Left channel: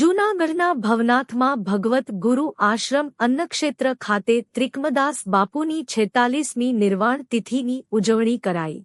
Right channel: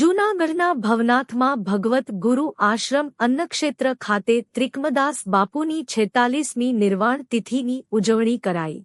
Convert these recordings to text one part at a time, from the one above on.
જૂનાગઢના ભવનાથમાં ભગવત ગુરુ આશ્રમ અન્નક્ષેત્ર ખાતે ત્રિકમદાસ બાપુની 46મી નિર્વાણ તિથિની ઉજવણી કરાઈ।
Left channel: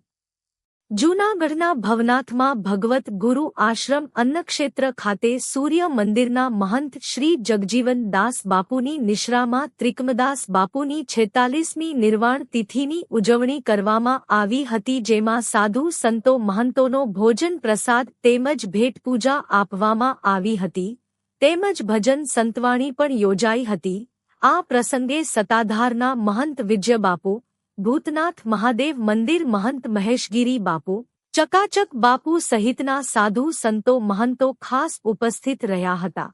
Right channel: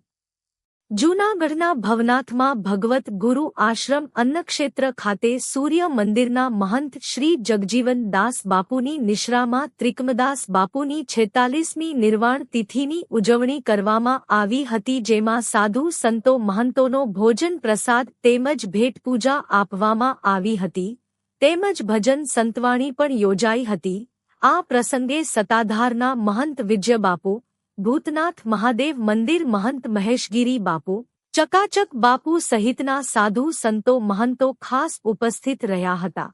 જૂનાગઢના ભવનાથમાં ભગવત ગુરુ આશ્રમ અન્નક્ષેત્ર ખાતે સૂર્ય મંદિરના મહંત શ્રી જગજીવન દાસ બાપુની નિશ્રામાં ત્રિકમદાસ બાપુની 46મી નિર્વાણ તિથિની ઉજવણી કરવામાં આવી હતી, જેમાં સાધુ સંતો મહંતોનો ભોજન પ્રસાદ તેમજ ભેટ પૂજા આપવામાં આવી હતી, તેમજ ભજન સંતવાણી પણ યોજાઈ હતી। આ પ્રસંગે સતાધારના મહંત વિજય બાપુ, ભૂતનાથ મહાદેવ મંદિર મહંત મહેશગીરી બાપુ, ચકાચક બાપુ સહિતના સાધુ સંતો મહંતો ખાસ ઉપસ્થિત રહ્યા હતા।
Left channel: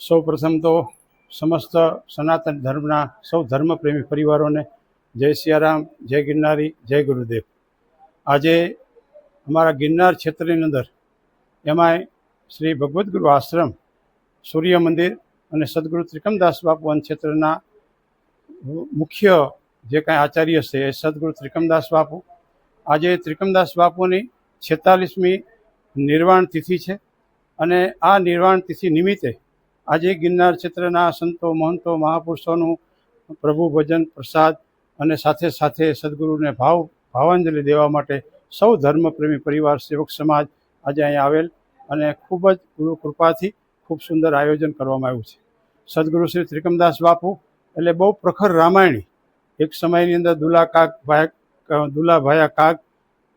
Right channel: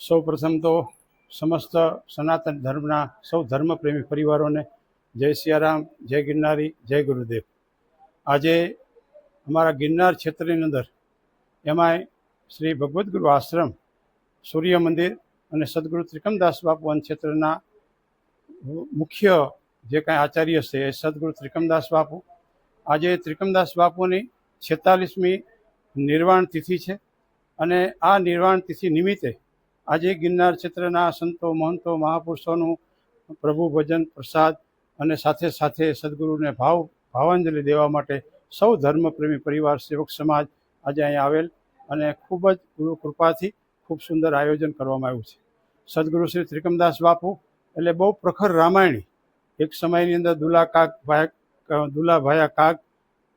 સૌ પ્રથમ તો સમસ્ત સનાતન ધર્મના સૌ ધર્મપ્રેમી પરિવારોને જય સિયારામ, જય ગિરનારી, જય ગુરુદેવ. આજે અમારા ગિરનાર ક્ષેત્રની અંદર એમાંય શ્રી ભગવદ્ ગુરુ આશ્રમ, સૂર્ય મંદિર અને સદગુરુ ત્રિકમદાસ બાપુ ક્ષેત્રના મુખ્ય જે કાંઈ આચાર્ય છે એ સદગુરુ ત્રિકમદાસ બાપુ. આજે ત્રિકમદાસ બાપુની 46મી નિર્વાણ તિથિ છે અને આ નિર્વાણ તિથિ નિમિત્તે આજે ગિરનાર ક્ષેત્રના સંતો, મહંતો, મહાપુરુષોનું પ્રભુ ભજન, પ્રસાદ અને સાથે સાથે સદગુરુને ભાવાંજલિ દેવા માટે સૌ ધર્મપ્રેમી પરિવાર, સેવક સમાજ આજે અહીંયા આવેલ અને ખૂબ જ ગુરુ કૃપાથી ખૂબ સુંદર આયોજન કરવામાં આવ્યું છે. સદગુરુ શ્રી ત્રિકમદાસ બાપુ એટલે બહુ પ્રખર રામાયણી એક સમયની અંદર દુલાભાયા કાગ,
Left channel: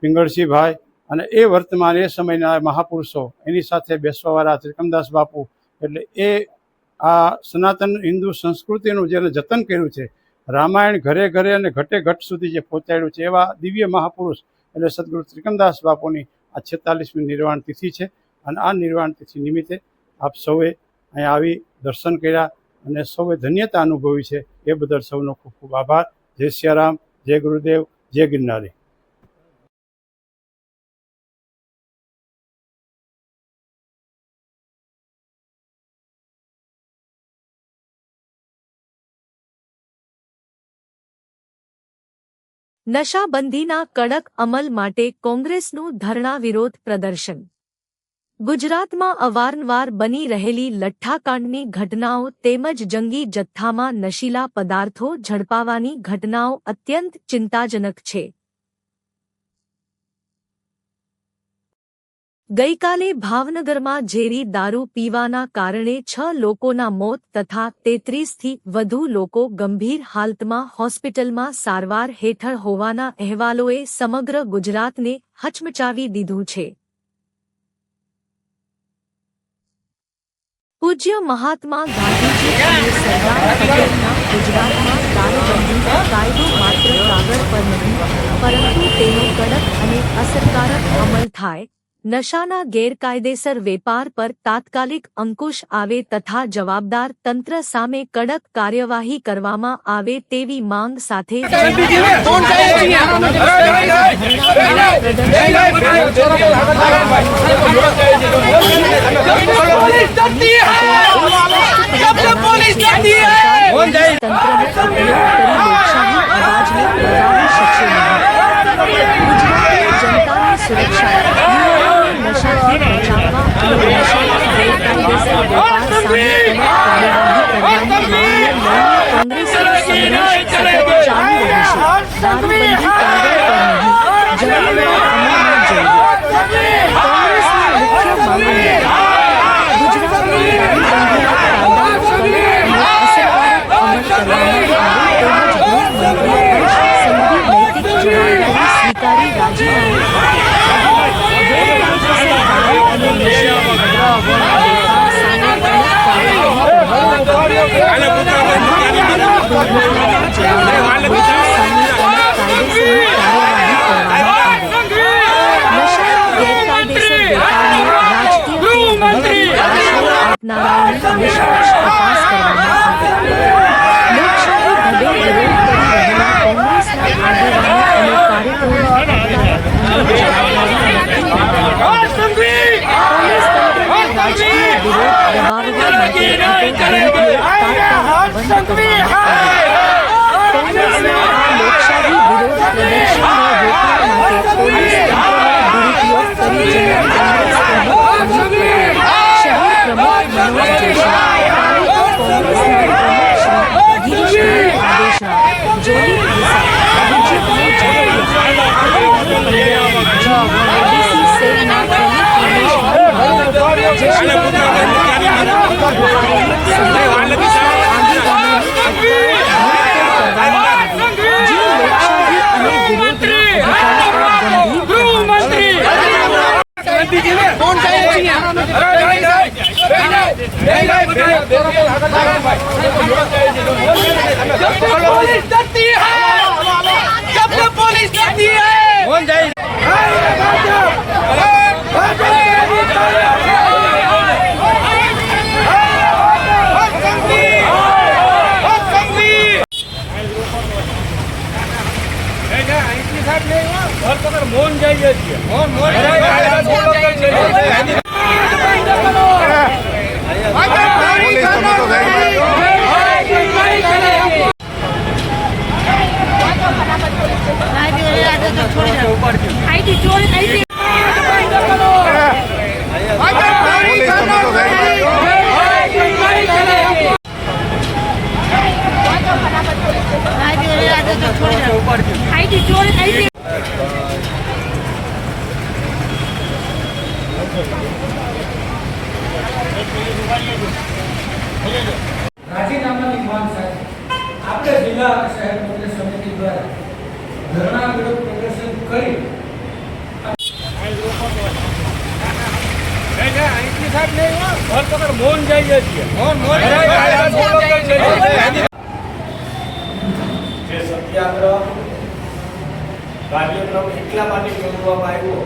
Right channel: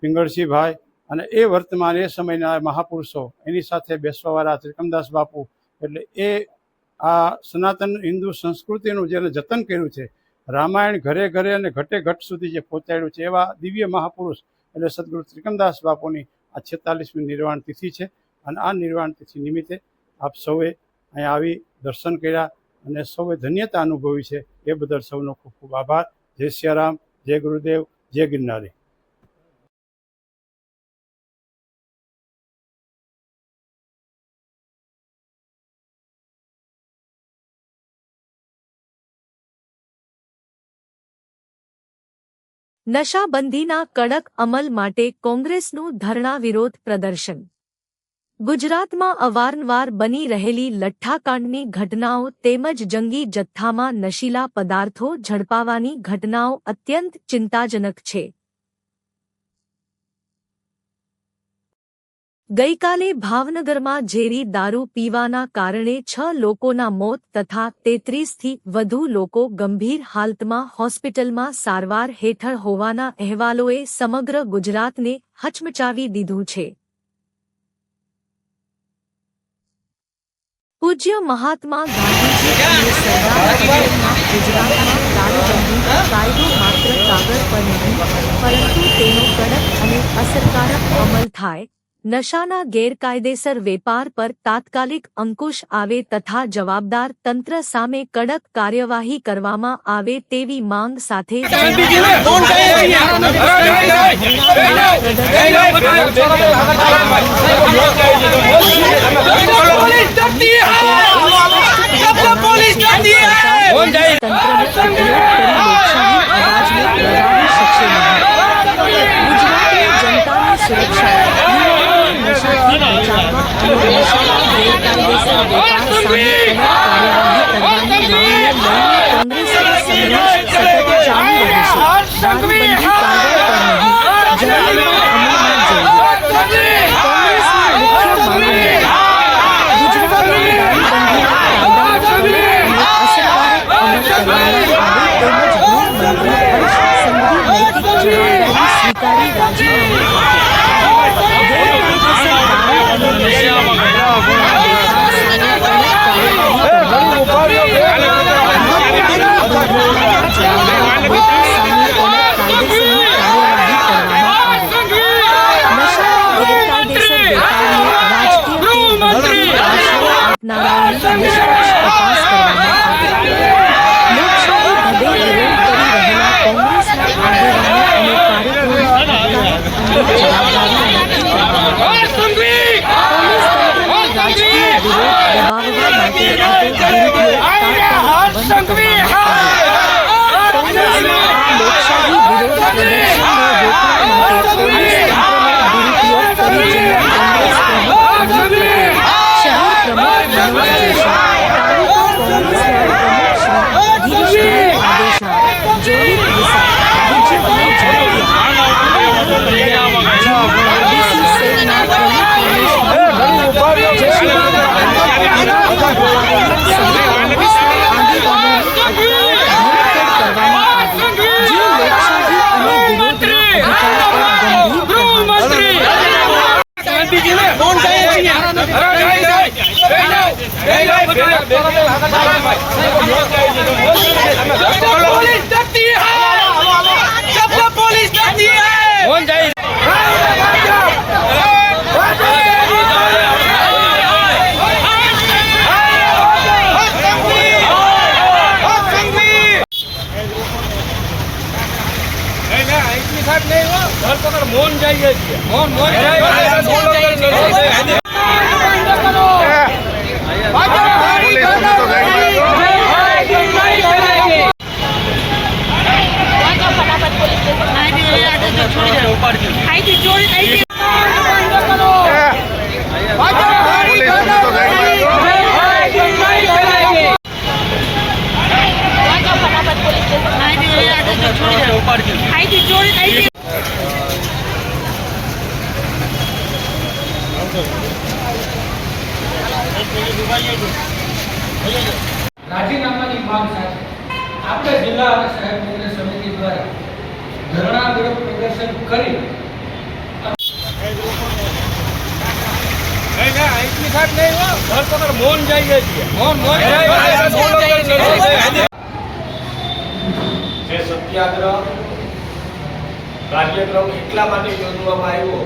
પિંગળસીભાઈ અને એ વર્તમાન એ સમયના મહાપુરુષો એની સાથે બેસવાવાળા ત્રિકમદાસ બાપુ, એટલે એ આ સનાતન હિન્દુ સંસ્કૃતિનું જેને જતન કર્યું છે, રામાયણ ઘરે ઘરે અને ઘટે ઘટ સુધી જે પહોંચાડ્યું છે, એવા દિવ્ય મહાપુરુષ એટલે સદગુરુ ત્રિકમદાસ બાપુની આ 46મી નિર્વાણ તિથિ છે. અને આ નિર્વાણ તિથિ નિમિત્તે આપ સૌએ અહીંયા આવી દર્શન કર્યા અને સૌએ ધન્યતા અનુભવી છે. એ બદલ સૌનો ખૂબ ખૂબ આભાર. જય સિયારામ, જય ગુરુદેવ, જય ગિરનારી. નશાબંધીના કડક અમલ માટે કોંગ્રેસનું ધરણા વિરોધ પ્રદર્શન. ગુજરાતમાં અવારનવાર બની રહેલી લઠ્ઠાકાંડની ઘટનાઓ તેમજ જંગી જથ્થામાં નશીલા પદાર્થો ઝડપાવાની ઘટનાઓ અત્યંત ચિંતાજનક છે. ગઈકાલે ભાવનગરમાં ઝેરી દારૂ પીવાના કારણે 6 લોકોના મોત તથા 33થી વધુ લોકો ગંભીર હાલતમાં હોસ્પિટલમાં સારવાર હેઠળ હોવાના અહેવાલોએ સમગ્ર ગુજરાતને હચમચાવી દીધું છે. પૂજ્ય મહાત્મા ગાંધીજી અને સરદાર પટેલના ગુજરાતમાં દારૂબંધી કાયદો માત્ર કાગળ પર નહીં, પરંતુ તેનો કડક અને અસરકારક અમલ થાય, નશાના ગેરકાયદેસર વેપાર પર તાત્કાલિક અંકુશ આવે તથા જવાબદાર તંત્ર સામે કડક કાર્યવાહી કરવામાં આવે તેવી માંગ સાથે સુરક્ષા નશાથી બચાવવા અને નશાના ગેરકાયદેસર વેપાર સામે કડક કાર્યવાહી કરવાની માંગને લઈને કોંગ્રેસનો સંઘર્ષ સતત ચાલુ રહેશે. દારૂબંધી કાગળ પર નહીં, જમીન પર અમલમાં જોઈએ. કોંગ્રેસની મુખ્ય માંગણી ગુજરાતમાં દારૂબંધીના કાયદાનો કડક અને અસરકારક અમલ કરવામાં આવે તેમજ ગૃહમંત્રી હર્ષ સંઘવી નૈતિક જવાબદારી સ્વીકારી રાજીનામું આપે. ગેરકાયદેસર દારૂ અને નશીલા પદાર્થોના વેપાર સામે કડક કાર્યવાહી કરવામાં આવે. દુર્ઘટનાના જવાબદાર લોકો સામે કડક કાયદેસરની કાર્યવાહી કરવામાં આવે. નશાના ગેરકાયદેસર વેપારને રાજકીય કે ધર્મની આશ્રય આપનારાઓની નિષ્પક્ષ તપાસ કરવામાં આવે. લોકશાહી ઢબે વિરોધ કરી રહેલા કોંગ્રેસના આગેવાનો અને કાર્યકરોની હડતાળ અંગે જવાબદારી નક્કી કરવામાં આવે. કોંગ્રેસ તંત્રનો રાજકીય વિરોધ દબાવવા માટે થતો દુરુપયોગ તાત્કાલિક બંધ કરવામાં આવે. કોંગ્રેસના આ લોકશાહી વિરોધ પ્રદર્શનને રોકવા માટે પોલીસ તંત્રનો દુરુપયોગ કરી જિલ્લા કોંગ્રેસ પ્રમુખ અમિત પટેલ, શહેર પ્રમુખ મનોજ જોશી, તાલુકા કોંગ્રેસના પ્રમુખ શ્રી ગિરીશભાઈ આદેશા, જોલિત વિસા, વિજયભાઈ ઝાકિયા, આનંદભાઈ પંડ્યા, ઓબીસી સેલના પ્રમુખ રમેશભાઈ ભટ્ટ, જશીભાઈ બારડ, ગોપાલન સહિત કોંગ્રેસના આગેવાનોની અટકાયત ધરપકડ કરવામાં આવી, જે લોકશાહી અને વિરોધના અધિકાર પર ગંભીર પ્રહાર છે. મોહન જાય છે મોહન રાજીનામાની માંગ સાથે આપણે જિલ્લા અને શહેર કોંગ્રેસ સમિતિ દ્વારા ધરણા વિરોધ પ્રદર્શન કરી સાહેબ નહીં હો ધરપકડ મૌન જઈએ છીએ જે સત્યાગ્રહ કાર્યક્રમ એટલા માટે યોજવામાં આવ્યો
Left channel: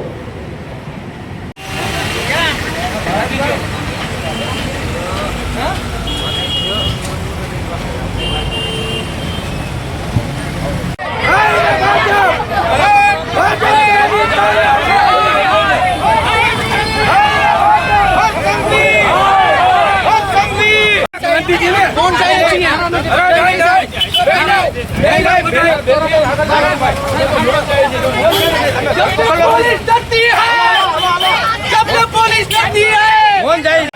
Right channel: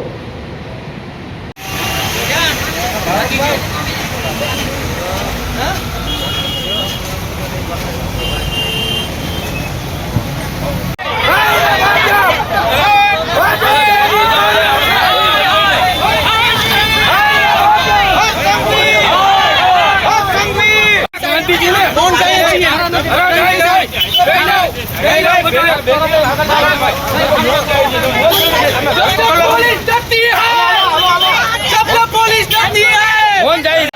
ગાંધીજીને મૌન જઈએ છીએ પોલીસ ડરતી હૈ જબ પોલીસ ડરતી હૈ મૌન જઈએ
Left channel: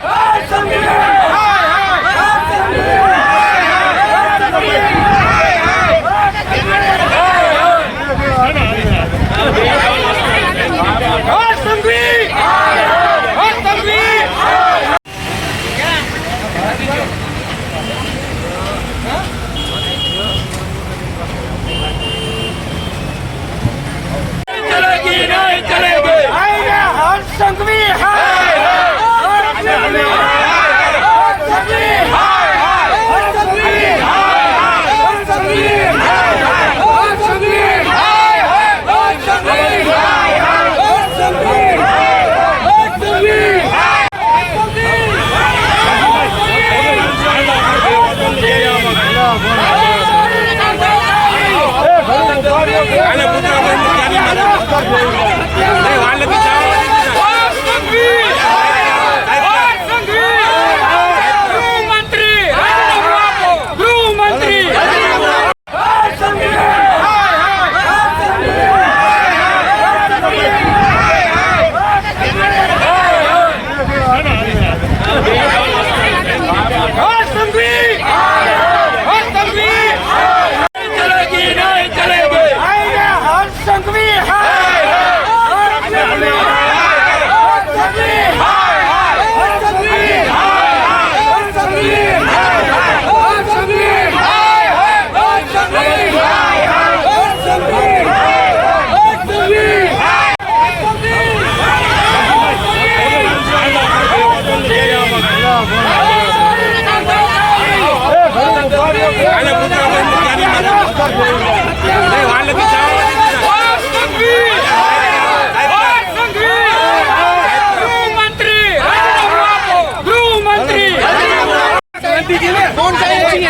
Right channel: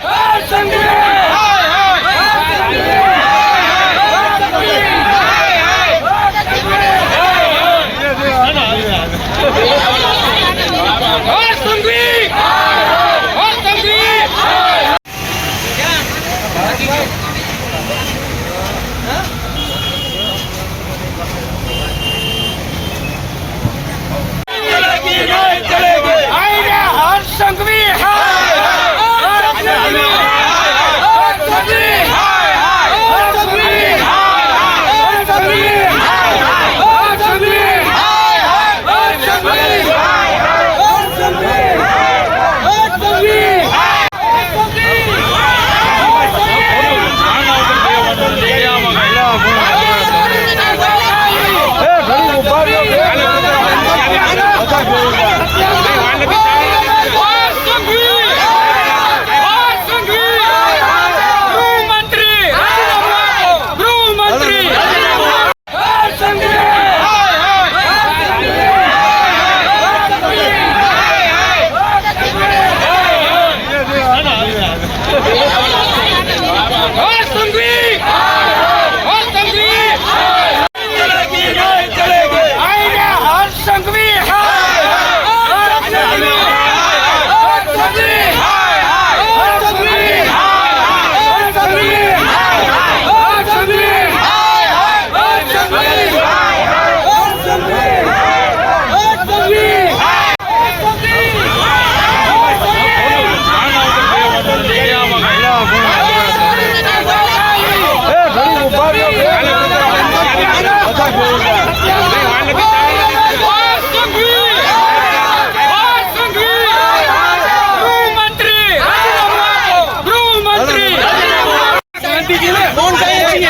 ગાંધીજીને મૌન જઈએ છીએ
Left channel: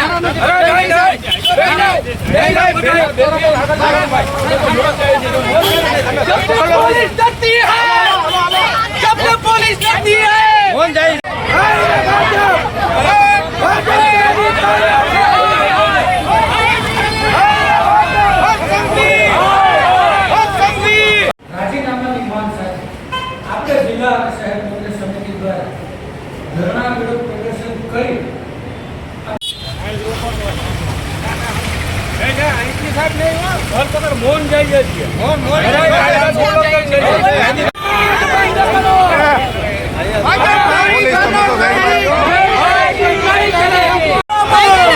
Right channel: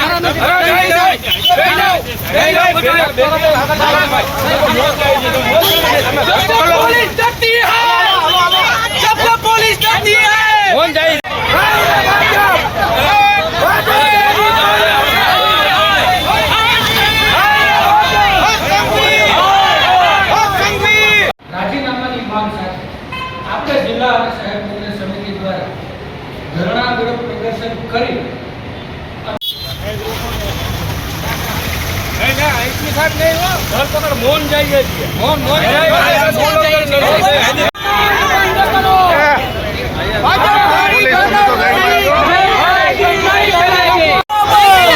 પોલીસ ડરતી હૈ જબ પોલીસ ડરતી હૈ મૌન જઈએ રાજીનામાની માંગ સાથે આપણે જિલ્લા અને શહેર કોંગ્રેસ સમિતિ દ્વારા ધરણા વિરોધ પ્રદર્શન કરી સાહેબ નહીં હો ધરપકડ મૌન જઈએ છીએ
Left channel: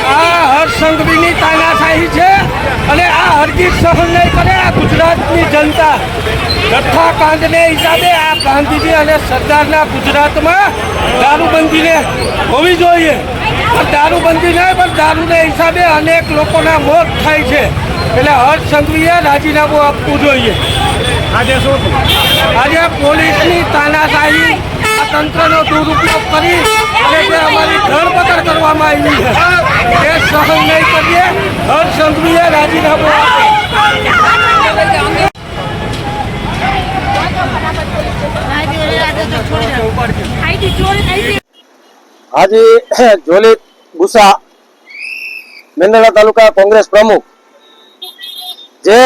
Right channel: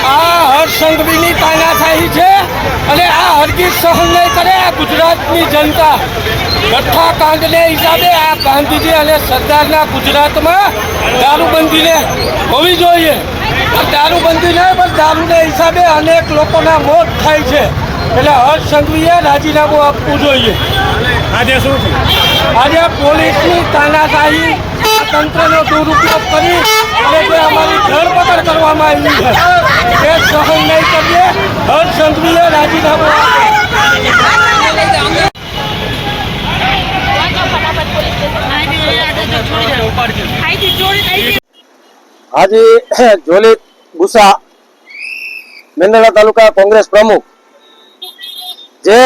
આ હર્ષ સંઘવીની તાનાશાહી છે અને આ હરગીજ સહન નહીં કરે આ ગુજરાતની જનતા લઠ્ઠા કાંડને હિસાબે આ ગાંધીજી અને સરદારના ગુજરાતમાં દારૂબંધીને હોવી જોઈએ પણ દારૂબંધી નહીં પણ દારૂને હિસાબે અનેક લોકોના મોત થાય છે એટલે હર્ષ સંઘવીએ રાજીનામું આપવું જોઈએ આજે પોલીસની તાનાશાહી આ તંત્રનો દુરુપયોગ કરી અને જે અમારી ધરપકડ કરવામાં આવી છે એ સહન નહીં કરીએ હર્ષ સંઘવીએ રાજીનામું આપે આજે જોલી ગુસા મેંદરડા તાલુકા કોંગ્રેસ પ્રમુખ જે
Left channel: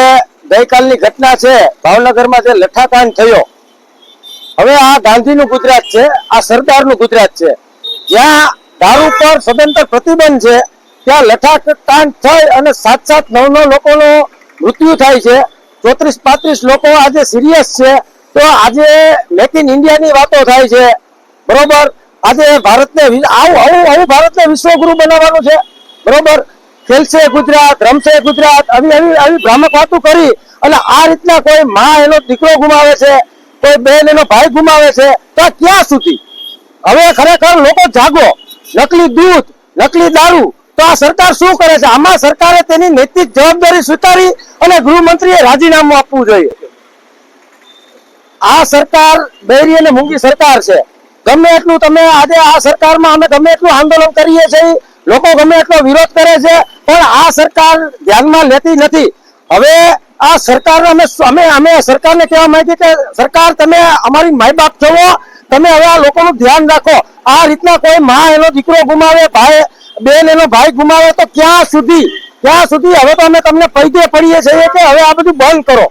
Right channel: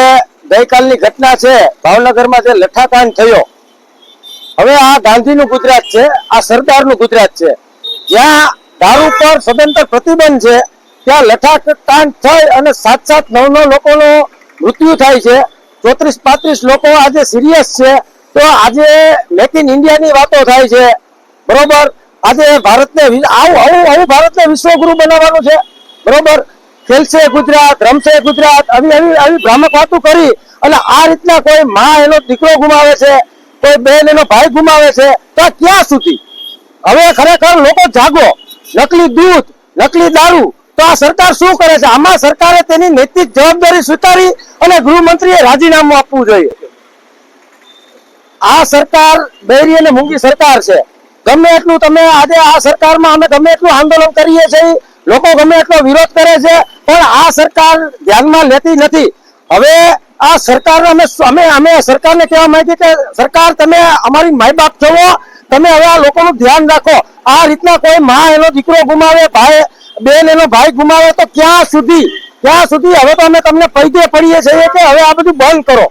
ગઈકાલની ઘટના છે ભાવનગરમાં જે લઠ્ઠાકાંડ થયો હવે આ ગાંધીનું ગુજરાત છે આ સરદારનું ગુજરાત છે જ્યાં દારૂ પર સદંતર પ્રતિબંધ છે ત્યાં લઠ્ઠાકાંડ થઈ અને 7-9 લોકોનો મૃત્યુ થાય છે 34-35 લોકો આજે સિરિયસ છે તો આજે મેક ઇન ઇન્ડિયાની વાતો થાય છે બરોબર આજે ભારતને આવું ભારતને વિશ્વગુરુ બનાવવાનું છે બરોબર ખેલશે ગુજરાત, રમશે ગુજરાત, આવી ભ્રામક વાતો કરી અને આ રીતના કોઈ માં એનો દીકરો ગુમાવે છે, કોઈ બેન એનો ભાઈ ગુમાવે છે, તો ક્યાં સુધી? હવે ખરેખર લોકો જાગો. નકલી દૂધ, નકલી દારૂ, તો આ સરકાર શું કરે છે? આમાં સરકારે તેની નૈતિક જવાબદારી સ્વીકારી અને ગૃહમંત્રીએ રાજીનામું આપવું જોઈએ. આ સરકાર બહેરી અને મૂંગી સરકાર છે. ગમે એટલું તમે આજે આ સરકારમાં અમે ગમે એટલું આંદોલન કરીએ છીએ, લોકો ગમે એટલો વિરોધ કરે છે, પણ આ સરકાર ધ્યાનમાં લેતી નથી. હવે આ સરકારને અમે સરકારને કહેવા માંગીએ કે સરકાર તમે અમારી માય બાપ છો, તમે હવે આ લોકોનું ધ્યાન રાખો. આ રીતના કોઈ માં એનો દીકરો ગુમાવે, ભાઈ બેન એનો ભાઈ ગુમાવે, તો ક્યાં સુધી? હવે તો અમે તમને પૈકે પડીએ છીએ કે હવે આ બધું બંધ કરો.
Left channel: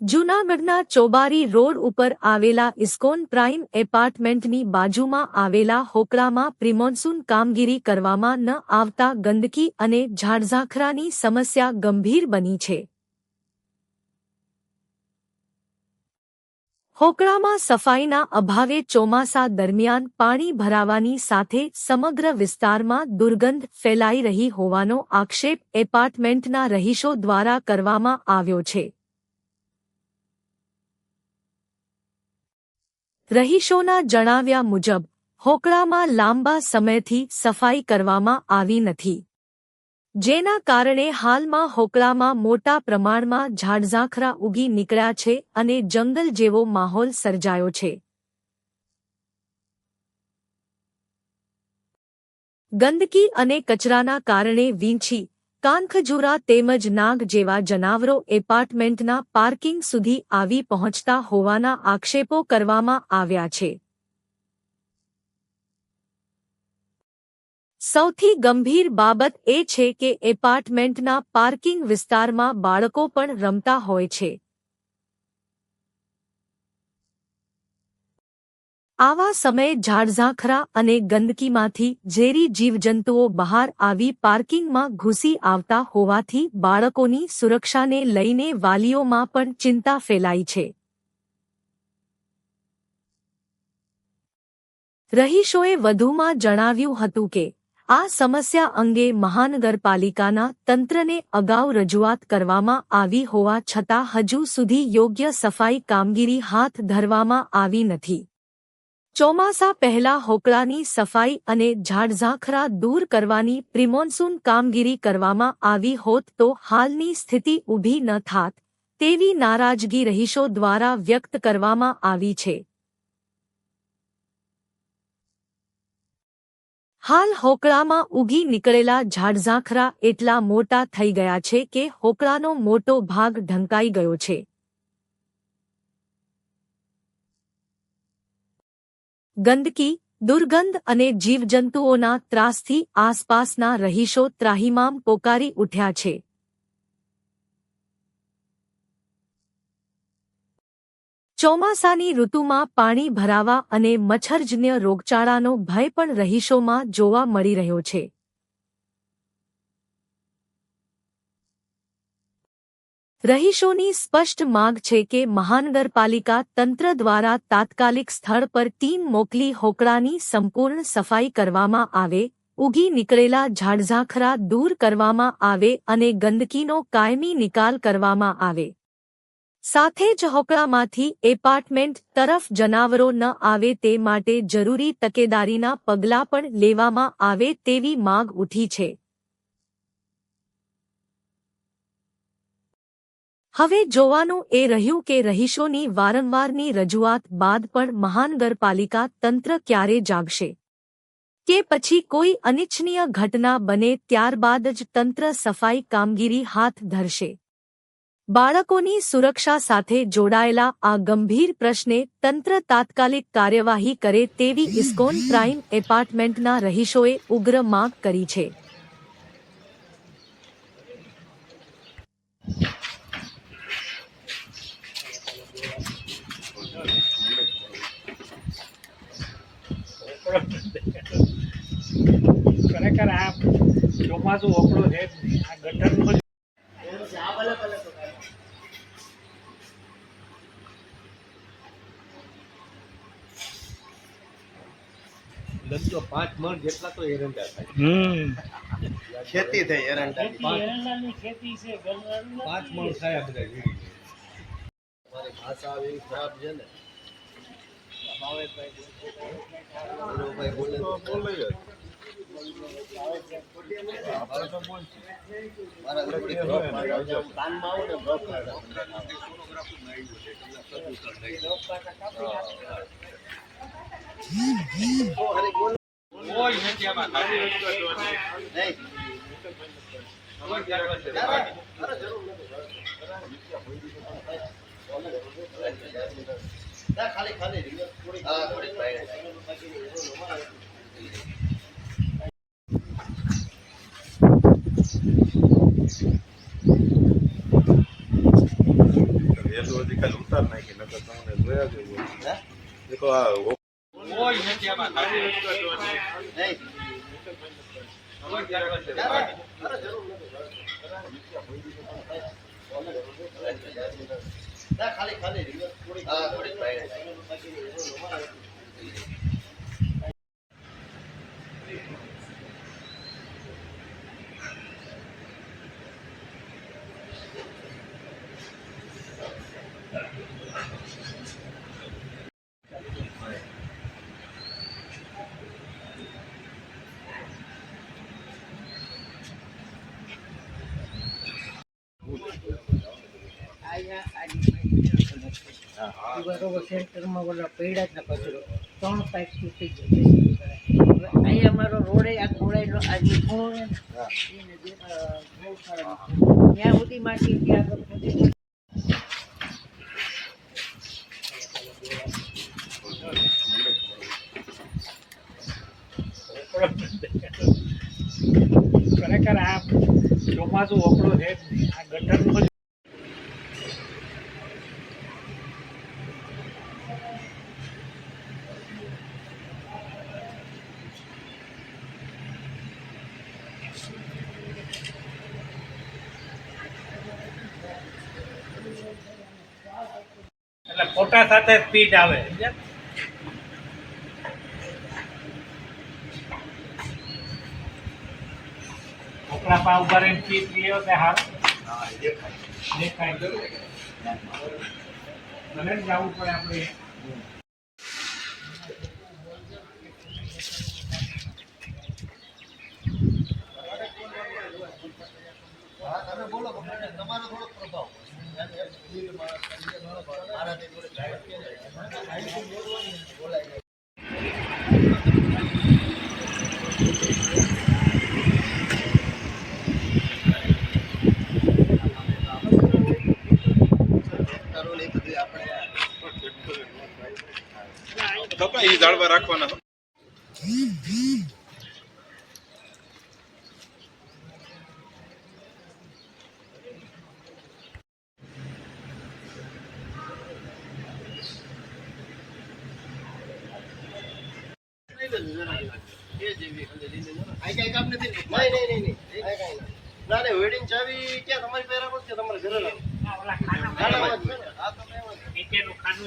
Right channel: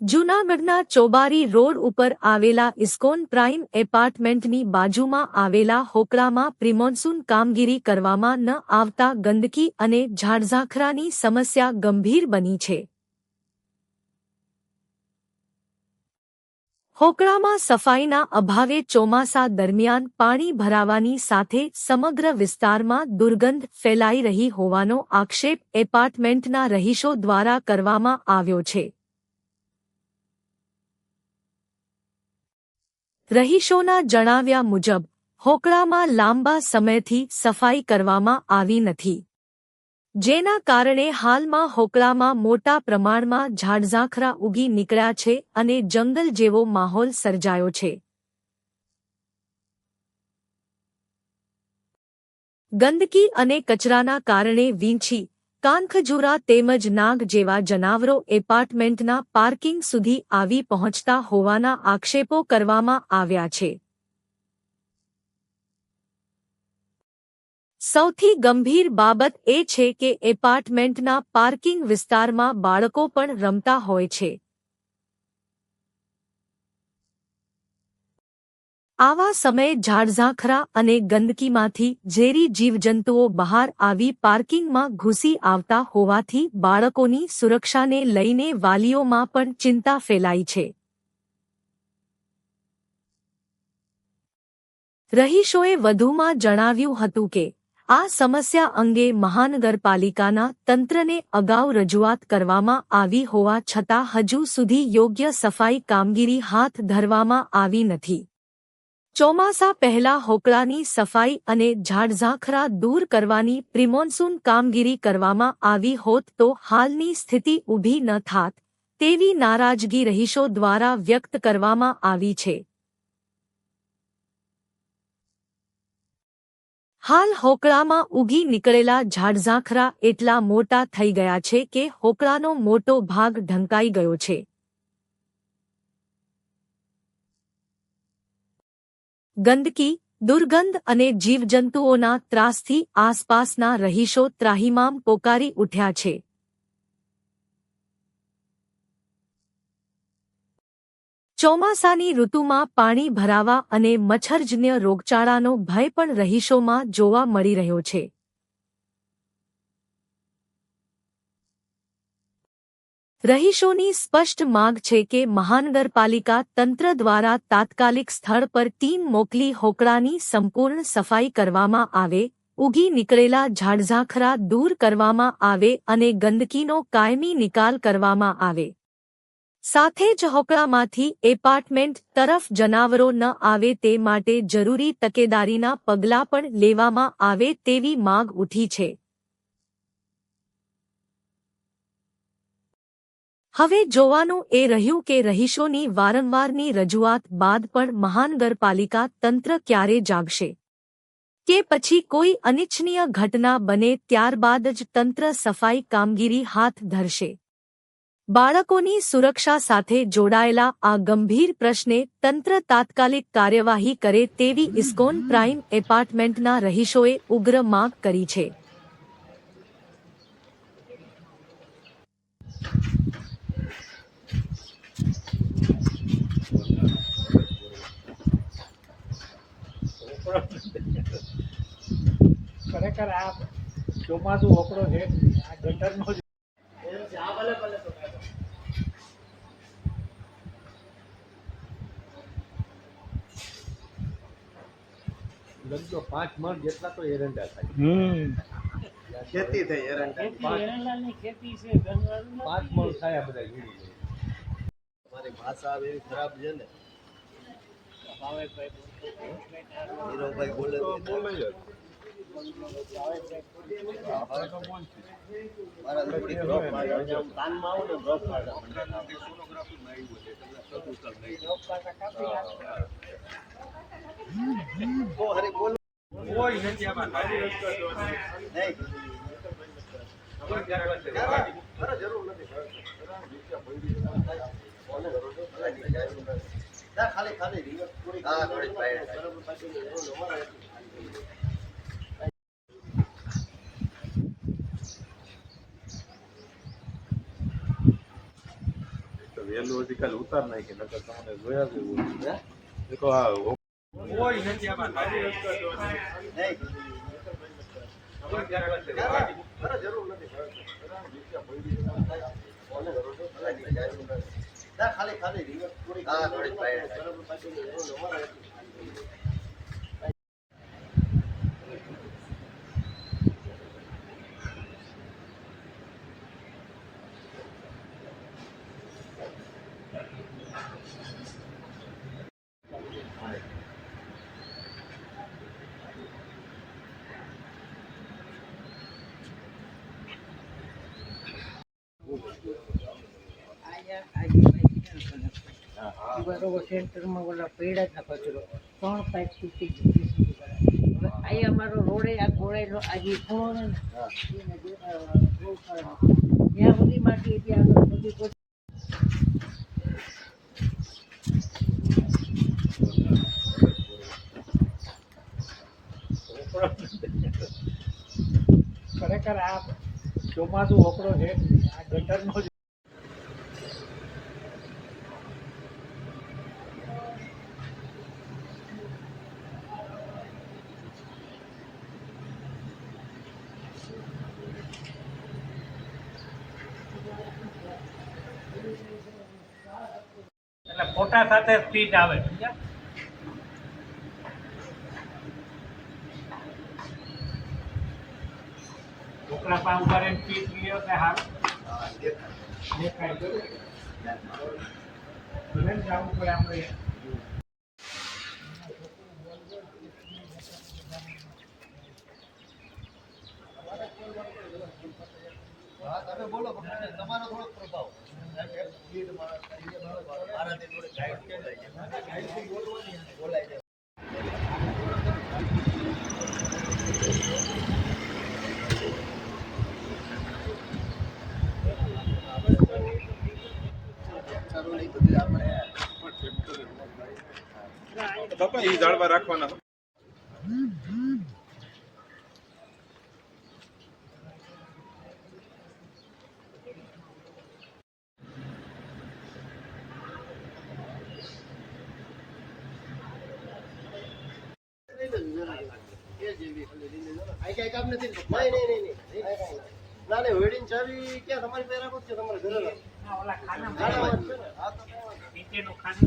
જૂનાગઢના ચોબારી રોડ ઉપર આવેલા ઇસ્કોન પ્રાઇમ એપાર્ટમેન્ટની બાજુમાં આવેલા હોકળામાં પ્રિમોન્સૂન કામગીરી કરવામાં ન આવતા ગંદકી અને ઝાડઝાખરાની સમસ્યા ગંભીર બની છે. હોકળામાં સફાઈના અભાવે ચોમાસા દરમિયાન પાણી ભરાવાની સાથે સમગ્ર વિસ્તારમાં દુર્ગંધ ફેલાઈ રહી હોવાનો આક્ષેપ એપાર્ટમેન્ટના રહીશો દ્વારા કરવામાં આવ્યો છે. રહીશોના જણાવ્યા મુજબ હોકળામાં લાંબા સમયથી સફાઈ કરવામાં આવી નથી, જેના કારણે હાલમાં હોકળામાં મોટા પ્રમાણમાં ઝાડઝાખરા ઉગી નીકળ્યા છે અને જંગલ જેવો માહોલ સર્જાયો છે. ગંદકી અને કચરાના કારણે વીંછી, કાનખજૂરા તેમજ નાગ જેવા જનાવરો એપાર્ટમેન્ટના પાર્કિંગ સુધી આવી પહોંચતા હોવાના આક્ષેપો કરવામાં આવ્યા છે. સૌથી ગંભીર બાબત એ છે કે એપાર્ટમેન્ટના પાર્કિંગ વિસ્તારમાં બાળકો પણ રમતા હોય છે. આવા સમયે ઝાડઝાખરા અને ગંદકીમાંથી ઝેરી જીવજંતુઓ બહાર આવી પાર્કિંગમાં ઘૂસી આવતા હોવાથી બાળકોની સુરક્ષાને લઈને વાલીઓમાં પણ ચિંતા ફેલાઈ છે. રહીશોએ વધુમાં જણાવ્યું હતું કે આ સમસ્યા અંગે મહાનગરપાલિકાના તંત્રને અગાઉ રજૂઆત કરવામાં આવી હોવા છતાં હજુ સુધી યોગ્ય સફાઈ કામગીરી હાથ ધરવામાં આવી નથી. ચોમાસા પહેલા હોકળાની સફાઈ અને ઝાડઝાખરા દૂર કરવાની પ્રિમોન્સૂન કામગીરી કરવામાં આવી હોત તો હાલની સ્થિતિ ઊભી ન થાત તેવી નારાજગી રહીશો દ્વારા વ્યક્ત કરવામાં આવી છે. હાલ હોકળામાં ઉગી નીકળેલા ઝાડઝાખરા એટલા મોટા થઈ ગયા છે કે હોકળાનો મોટો ભાગ ઢંકાઈ ગયો છે. ગંદકી, દુર્ગંધ અને જીવજંતુઓના ત્રાસથી આસપાસના રહીશો ત્રાહિમામ પોકારી ઉઠ્યા છે. ચોમાસાની ઋતુમાં પાણી ભરાવા અને મચ્છરજન્ય રોગચાળાનો ભય પણ રહીશોમાં જોવા મળી રહ્યો છે. રહીશોની સ્પષ્ટ માંગ છે કે મહાનગરપાલિકા તંત્ર દ્વારા તાત્કાલિક સ્થળ પર ટીમ મોકલી હોકળાની સંપૂર્ણ સફાઈ કરવામાં આવે, ઉગી નીકળેલા ઝાડઝાખરા દૂર કરવામાં આવે અને ગંદકીનો કાયમી નિકાલ કરવામાં આવે. સાથે જ હોકળામાંથી એપાર્ટમેન્ટ તરફ જનાવરો ન આવે તે માટે જરૂરી તકેદારીના પગલાં પણ લેવામાં આવે તેવી માંગ ઉઠી છે. હવે જોવાનું એ રહ્યું કે રહીશોની વારંવારની રજૂઆત બાદ પણ મહાનગરપાલિકા તંત્ર ક્યારે જાગશે કે પછી કોઈ અનિચ્છનીય ઘટના બને ત્યારબાદ જ તંત્ર સફાઈ કામગીરી હાથ ધરશે. બાળકોની સુરક્ષા સાથે જોડાયેલા આ ગંભીર પ્રશ્ને તંત્ર તાત્કાલિક કાર્યવાહી કરે તેવી ઇસ્કોન પ્રાઇમ એપાર્ટમેન્ટના રહીશોએ ઉગ્ર માંગ કરી છે. ખરેખર આ ચોમાસું ઓકળો છે જ નહીં. આ ગટરનો લગતો 5 મણ જેટલા તો એરંડા થાય. ખેતી થઈ એરંડા. એરંડાની ખેતી છે 5 મણ થાય આ બધા વીડી. મારી ભાષા આવે એવી ખરાબ છે ને. નીરવભાઈ બોલે તો બોલે જ. મારા થોડી ડ્રોપ મારી કાનમાં આવું ને ડ્રોપ મારે. ઓ હરી બોલ કોઈ નથી આમાં ખાલી નહીં. ના ખાલી ખાલી રિવર્સ થોડી હા થોડી વહેલું હજી કાલે ઉતાર નાખી નકર તમને જોયા જેવું. દેખો આ કોઈ નથી આમાં ખાલી નહીં. ના ખાલી ખાલી રિવર્સ થોડી હા થોડી બરોબર સેન્ટરમાં ઓલા પૈડા ના કચરો 3 પાઇપ તૂટી ગયો. અહીંયા અમારો રોડે આ ગોળાઈનો આજે ખૂણો છે ને બહુ ખરાબ. જ્યાં સુધી માટી ત્યાં સુધી ખરેખર આ ચોમાસું ઓકળો છે જ નહીં. આ ગટરનો એટલે ફોટા સાથે સ્પીડ આવે સમજ્યા? મોકળા પા ઉભા રહીને સ્પીડ લીધો કે હાર દેખાય ભલે ને જવું પડે આપણે. બોલો તમારો થોડોક પ્રભાવ મારાથી થોડી ગાઈડ બોલાય જાય. એ જાળવા રાખવાના. વેડિંગ ચાવી ક્યાં તમારી પહેરા છે તમારે ઘરે નીચેનું ખાનું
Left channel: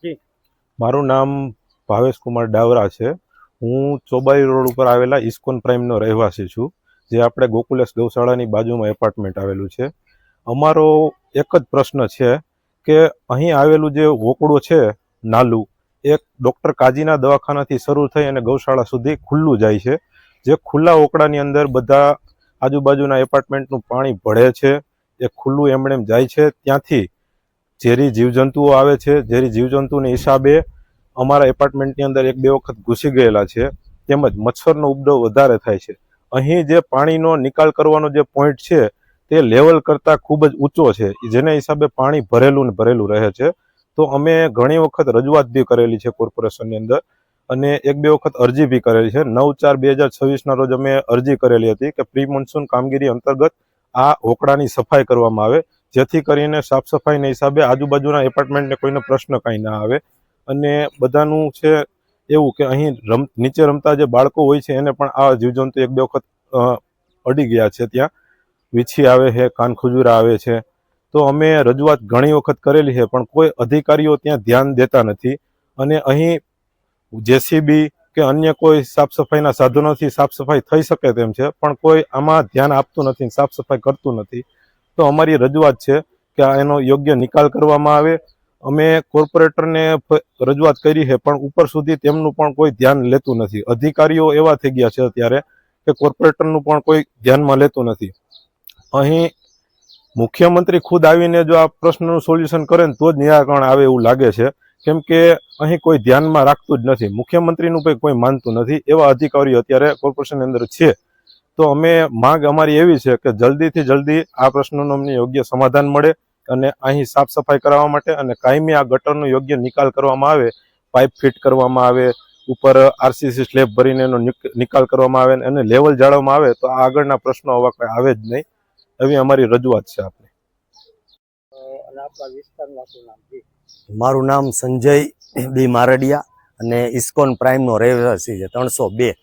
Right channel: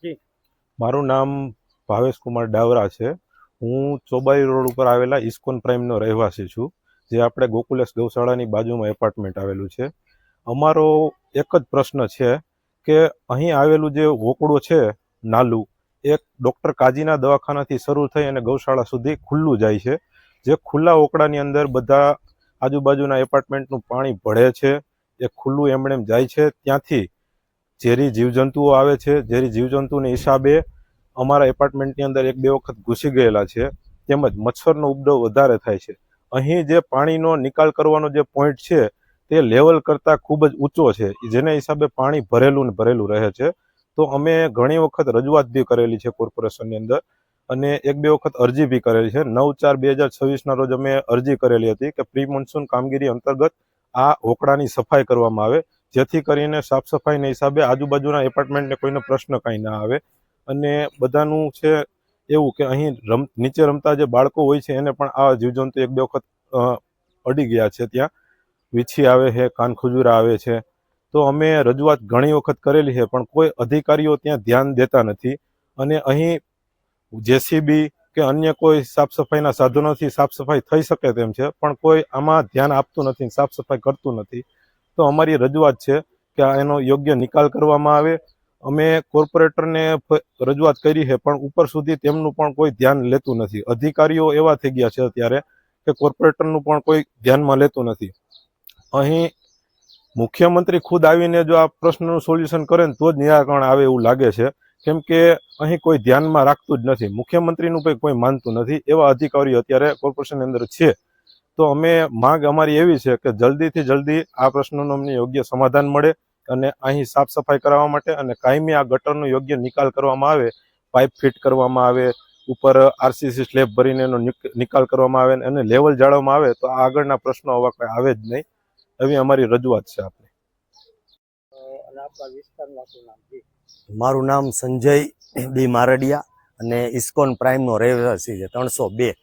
છે મારું નામ ભાવેશ કુમાર ડાવરા છે. હું ચોબાઈ રોડ ઉપર આવેલા ઇસ્કોન પ્રાઇમનો રહેવાસી છું, જે આપણે ગોકુલેશ ગૌશાળાની બાજુમાં એપાર્ટમેન્ટ આવેલું છે. અમારો એક જ પ્રશ્ન છે કે અહીં આવેલું જે વોકડો છે નાલું, એક ડૉક્ટર કાજીના દવાખાનાથી શરૂ થઈ અને ગૌશાળા સુધી ખુલ્લું જાય છે. જે ખુલ્લા વોકડાની અંદર બધા આજુબાજુના એપાર્ટમેન્ટનું પાણી ભળે છે, એ ખુલ્લું એમણેમ જાય છે. ત્યાંથી ઝેરી જીવજંતુઓ આવે છે. ઝેરી જીવજંતુની હિસાબે અમારા એપાર્ટમેન્ટની અંદર 1-2 વખત ઘૂસી ગયેલા છે. તેમજ મચ્છરનો ઉપદ્રવ વધારે થાય છે. અહીં જે પાણીનો નિકાલ કરવાનો જે પોઈન્ટ છે તે લેવલ કરતાં ખૂબ જ ઊંચો છે, જેના હિસાબે પાણી ભરેલું ને ભરેલું રહે છે. તો અમે ઘણી વખત રજૂઆત બી કરેલી છે કોર્પોરેશનની અંદર, અને 1-2 વખત અરજી બી કરેલી છે. 9/4/2026ના રોજ અમે અરજી કરેલી હતી કે પ્રી મોન્સૂન કામગીરી અંતર્ગત આ હોકડાની સફાઈ કરવામાં આવે, જેથી કરીને સાફ સફાઈના હિસાબે આજુબાજુના એપાર્ટમેન્ટને કોઈને પ્રશ્ન કાંઈ ના આવે. અને બધાનું છે એવું કે અહીં નીચે રમતા જે બાળકો હોય છે એને પણ આ જીવજંતુ એક બે વખત અડી ગયા છે. ત્યાં વીછી આવે છે, કાનખજૂરા આવે છે. તો અમે રજૂઆત ઘણી વખત કરેલી છે, પણ કોઈ અધિકારીઓ ત્યાં ધ્યાન દેતા નથી. અને અહીં જેસીબી કે અન્ય કોઈ સાફ સફાઈના સાધનોથી સાફ સફાઈ થઈ શકે તેમ છે, પણ કોઈ આમાં ધ્યાન આપતું નથી, સાફ સફાઈ કરતું નથી. તો અમારી રજૂઆત છે કે એનો યોગ્ય નિકાલ કરવામાં આવે. અમે કોર્પોરેટરને રજૂઆત કરી છે, પણ ઉપર સુધી તેમનું પણ કોઈ ધ્યાન લેતું નથી. અધિકારીઓ એવા થઈ ગયા છે અત્યારે કે કોર્પોરેટરનું પણ કોઈ ધ્યાનમાં લેતું નથી. અહીં મુખ્યમંત્રી ખુદ આવીને જો આ પ્રશ્નનું સોલ્યુશન કરે ને તો જ નિરાકરણ આવે એવું લાગે છે, કેમ કે અહીં કોઈ ધ્યાનમાં રાખતું જ નથી. મુખ્યમંત્રીનું પણ કોઈ માનતું નથી. એવા અધિકારીઓ અત્યારે કોર્પોરેશનની અંદર છે. તો અમે માંગ અમારી એવી છે કે જલ્દીથી જલ્દી આ પ્રશ્નનું અમને યોગ્ય સમાધાન મળે અને અહીં સાફ સફાઈ કરાવવા માટે અને કાયમી આ ગટરનો યોગ્ય નિકાલ કરવામાં આવે, પાઇપ ફિટ કરવામાં આવે, ઉપર આરસીસી સ્લેબ ભરીને એનો નિકાલ કરવામાં આવે અને લેવલ જાળવવામાં આવે, તો આ આગળના પ્રશ્નો હવે કંઈ આવે જ નહીં. એવી અમારી રજૂઆત છે આપણે. મારું નામ સંજય બી મારડિયા અને ઇસ્કોન પ્રાઇમનો રહેવાસી છે 302.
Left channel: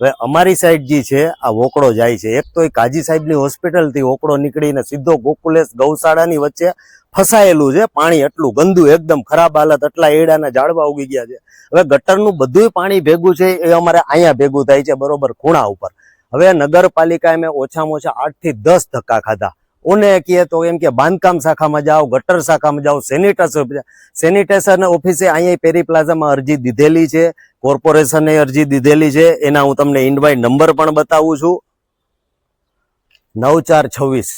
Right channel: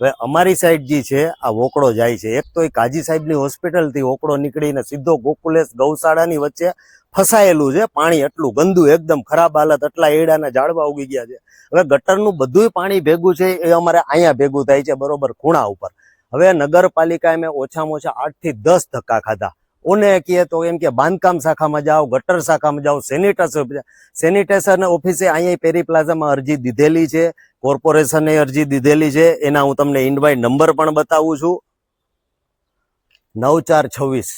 હવે અમારી સાઈડ જે છે આ વોકડો જાય છે. એક તો એ કાજી સાહેબની હોસ્પિટલથી વોકડો નીકળીને સીધો ગોકુલેશ ગૌશાળાની વચ્ચે ફસાયેલું છે. પાણી એટલું ગંદુ, એકદમ ખરાબ હાલત, એટલા એડાના ઝાડવા ઉગી ગયા છે. હવે ગટરનું બધું પાણી ભેગું છે એ અમારે અહીંયા ભેગું થાય છે, બરોબર ખૂણા ઉપર. હવે નગરપાલિકાએ મેં ઓછામાં ઓછા 8 થી 10 ધક્કા ખાધા. ઓને કહે તો એમ કે બાંધકામ શાખામાં જાઓ, ગટર શાખામાં જાઓ, સેનિટેશન ઓફિસે અહીંયા પેરી પ્લાઝામાં અરજી દીધેલી છે, કોર્પોરેશને અરજી દીધેલી છે. એના હું તમને ઇન્વાઇટ નંબર પણ બતાવું છું, 9426.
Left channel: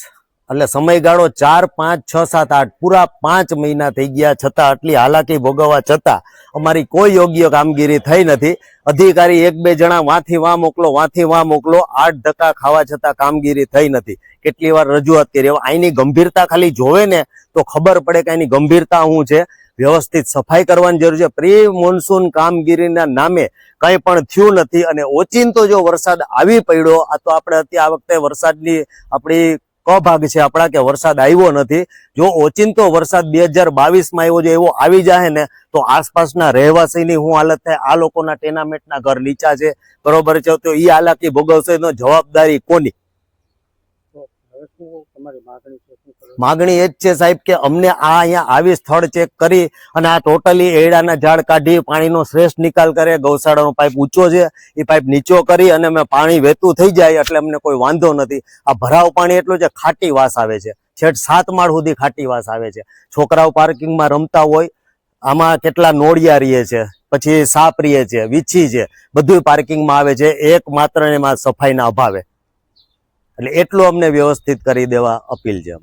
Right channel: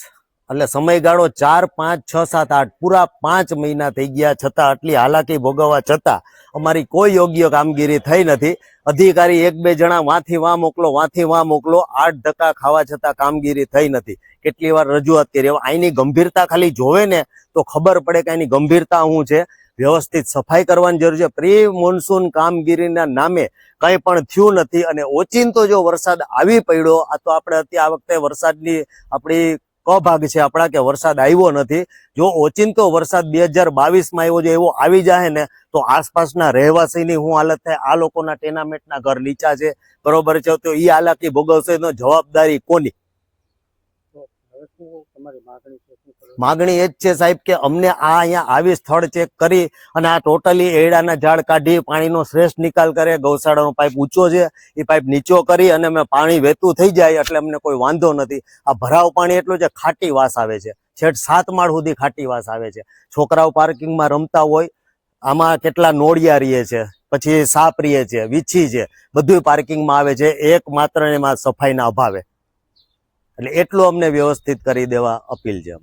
એટલે સમયગાળો 4, 5, 6, 7, 8 પૂરા 5 મહિના થઈ ગયા, છતાં આટલી હાલાકી ભોગવવા છતાં અમારી કોઈ યોગ્ય કામગીરી થઈ નથી. અધિકારી 1-2 જણા વાંથી વાં મોકલો, વાંથી વાં મોકલો, 8 ધક્કા ખાવા છતાં કામગીરી થઈ નથી. કેટલી વાર રજૂઆત કરી. અહીંની ગંભીરતા ખાલી જોવે ને તો ખબર પડે કે એની ગંભીરતા શું છે. વ્યવસ્થિત સફાઈ કરવાની જરૂર છે. પ્રી મોન્સૂન કામગીરીના નામે કંઈ પણ થયું નથી. અને ઓચિંતો જો વરસાદ આવી પડ્યો, આ તો આપણે અત્યારે આ વખતે વરસાદની આપણી કભાગ છે આપણા કે વરસાદ આવ્યો નથી. જો ઓચિંતો વરસાદ 2022માં આવ્યો જો એવો આવી જાય ને તો આસપાસના રહેવાસીની શું હાલત થાય. આ લોકોના ટેનામેન્ટના ઘર નીચા છે, બરોબર છે, તો એ હાલાકી ભોગવશે તો જવાબદારી કોની? માગણી એ જ છે સાહેબ કે અમને આ અહીંયા આવી સ્થળ ચેક કરી અને આ ટોટલી એડાના ઝાડ કાઢી પાણીનો શ્રેષ્ઠ નિકાલ કરે. ગૌશાળાનો પાઇપ ઊંચો છે, એ પાઇપ નીચો કરી અને અમે પાણી વહેતું થઈ જાય એટલે અમને કોઈ વાંધો નથી. આ ભરાવ પાણી એટલું છે, ખાટી વાસ આવે છે, છેક 7 માળ સુધી ખાટી વાસ આવે છે. છોકરાઓ પાર્કિંગમાં રમતા હોય, આમાં કેટલા નોળિયા રહીએ છે, પછી સાપ રહીએ છે, વીછી છે, બધું પાર્કિંગમાં આવે છે, એકમાત્ર એમાં સફાઈના અભાવે. એટલે એટલું અમને વ્યવસ્થિત કરી દેવા અપીલ છે.